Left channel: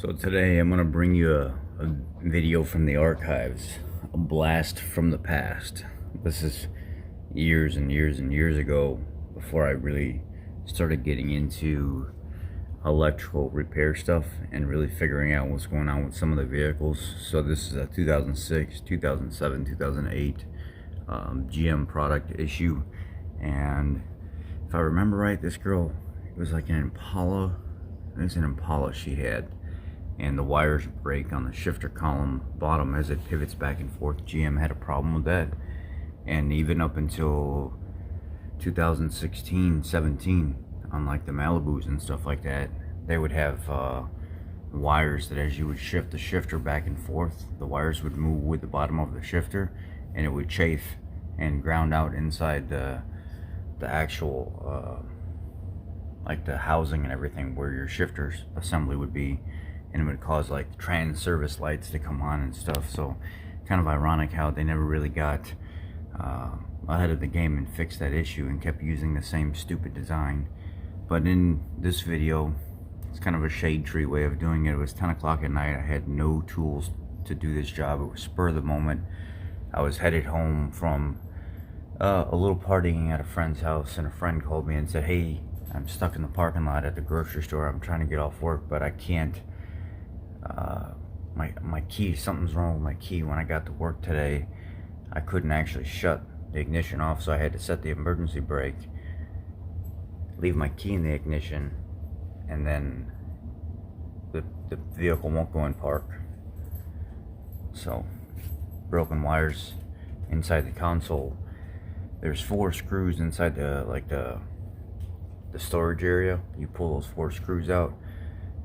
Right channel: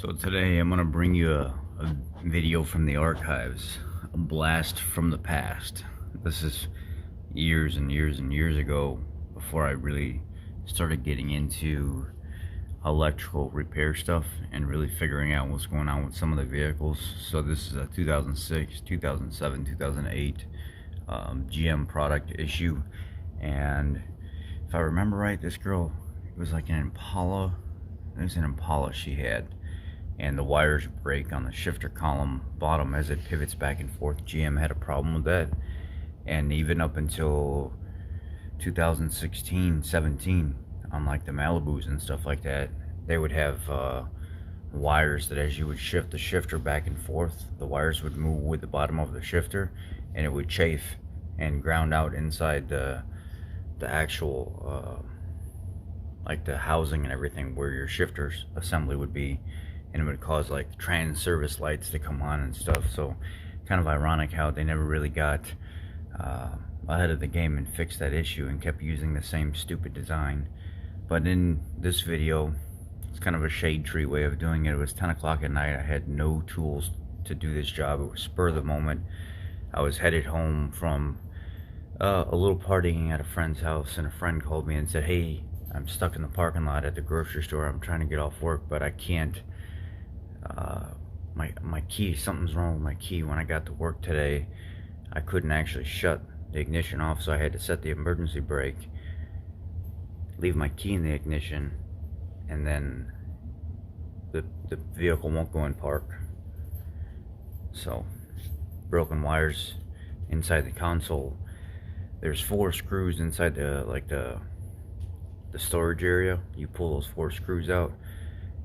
So today I'm going to bring you a video from the archives, a blast from the past. This is years and years and years ago, before I really started getting into electrical repair stuff and really figuring out what's going on with some of the vehicles. So this is a 2006, 2007, 2008 GM product issue, and if I remember right, this girl, it was like an Impala. It was an Impala she had, and the wires break on the shifter column bottom as it pivots back and forth. GM had a problem with that, and even up until 2016, 17, on like the Malibus and stuff like that, they would have wires that as you would shift the shifter back and forth, the wires would move with the bottom of the shifter, and it would chafe and ground out inside the actual like the housing and everything where your shifter assembly would be, and it would cause like trans service lights to come on and stuff. So kind of ironic how they never really got ahead of the game and fixed that issue and kept using the same stupid design. But in this video, it's kind of a shade tree way of doing it. It was 10 o'clock at night. I had no tools to do this job. It was spur of the moment. I was headed home from a little partying at a friend's house, and a friend called me and said, "Hey, I'm stuck in the parking lot at the grocery store. I'm trying to get off work, but I can't. My key, something's wrong with my key. When I got to work today, I couldn't actually shut the ignition off, so I had to set the emergency brake, leave my key in the ignition, and then the vehicle won't go in park." So, broken wires inside the console. There's 4 screws inside the storage area. You pull those 4 screws out,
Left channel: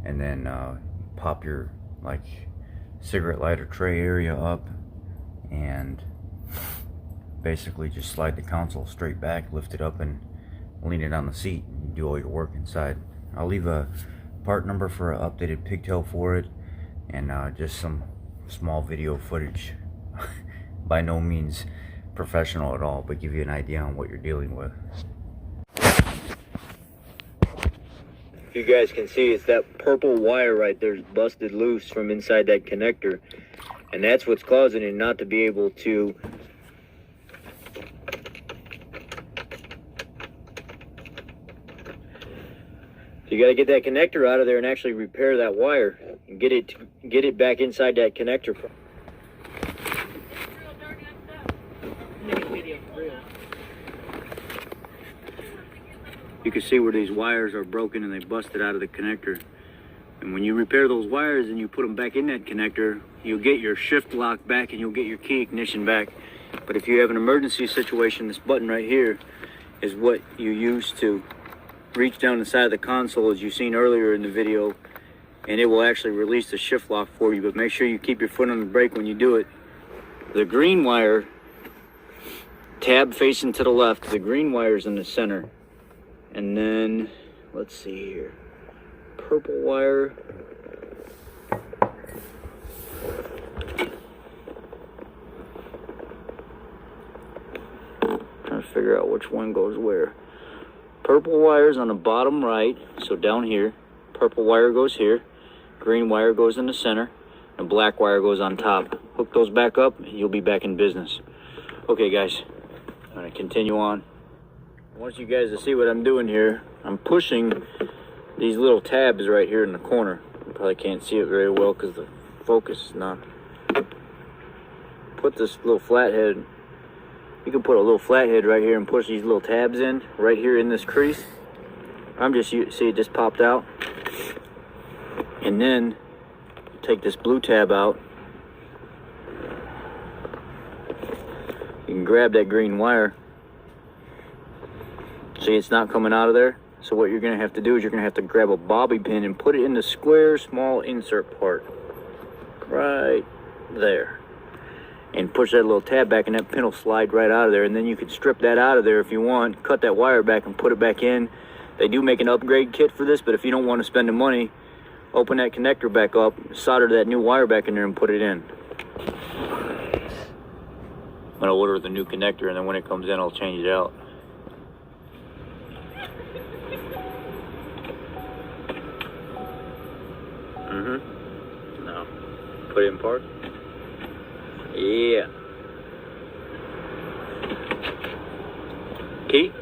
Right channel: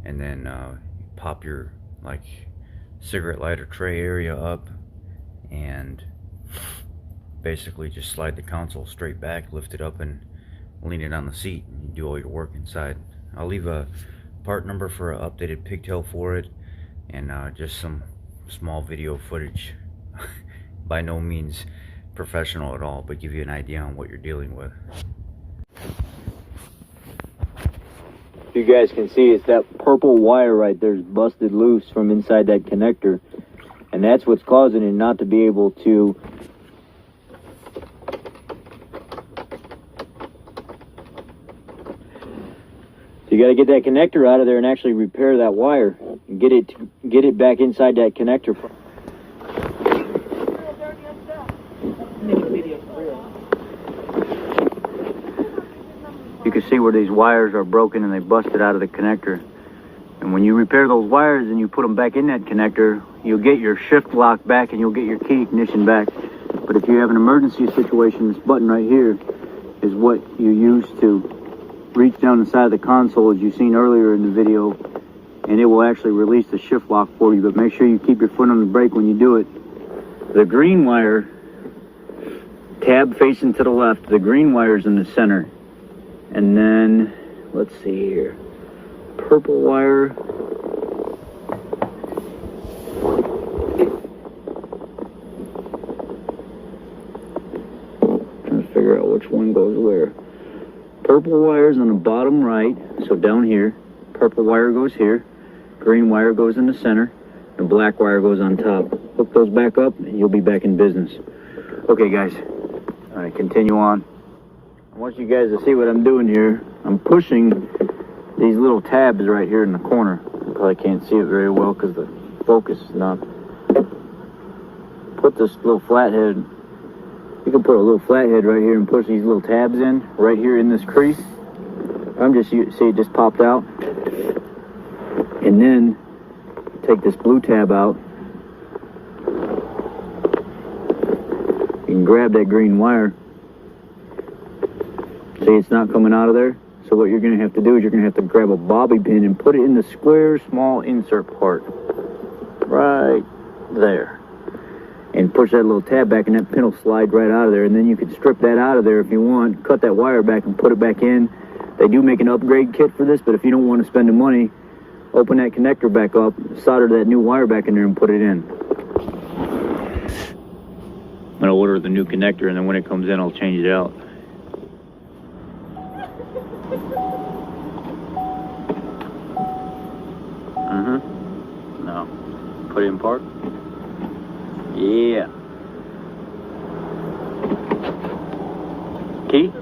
and then pop your like cigarette lighter tray area up, and basically just slide the console straight back, lift it up, and lean it on the seat, and you do all your work inside. I'll leave a part number for an updated pigtail for it, and just some small video footage. By no means professional at all, but give you an idea on what you're dealing with. You guys can see it's that purple wire right there is busted loose from inside that connector, and that's what's causing it not to be able to you got to get that connector out of there and actually repair that wire and get it back inside that connector. You can see where these wires are broken and they busted out of the connector. And when you repair those wires and you put them back in that connector, you'll get your shift lock back and you'll get your key ignition back. But if you have an emergency situation, this button right here is what you use to reach down the side of the console, as you've seen earlier in the video, and it will actually release the shift lock for you. But make sure you keep your foot on the brake when you do it. The green wire, tab facing to the left, the green wire is in the center. And then, let's see here, purple wire. Trying to figure out which one goes where. Purple wire's on the bottom right, so down here. Purple wire goes here. Green wire goes in the center. And black wire goes on top. Hook those back up and you'll be back in business. Okay guys, I'm gonna continue on. I want you guys to see what I'm doing here. I'm pushing these little tabs right here in the corner. You probably can't see it very well because the focus is not. Put this little flathead, you can put a little flathead right here and push these little tabs in, right here in this crease. See it just popped out. And then take this blue tab out. You can grab that green wire. See, it's not coming out of there. So what you're going to have to do is you're going to have to grab a bobby pin and put it in the square small insert part right there, and push that little tab back, and that pin will slide right out of there. And then you can strip that out of there if you want, cut that wire back and put it back in. They do make an upgrade kit for this, but if you don't want to spend the money, open that connector back up, solder that new wire back in there, and put it in. I'm going to order the new connector, and then when it comes in, I'll change it out. Put it in park. Yeah. Key?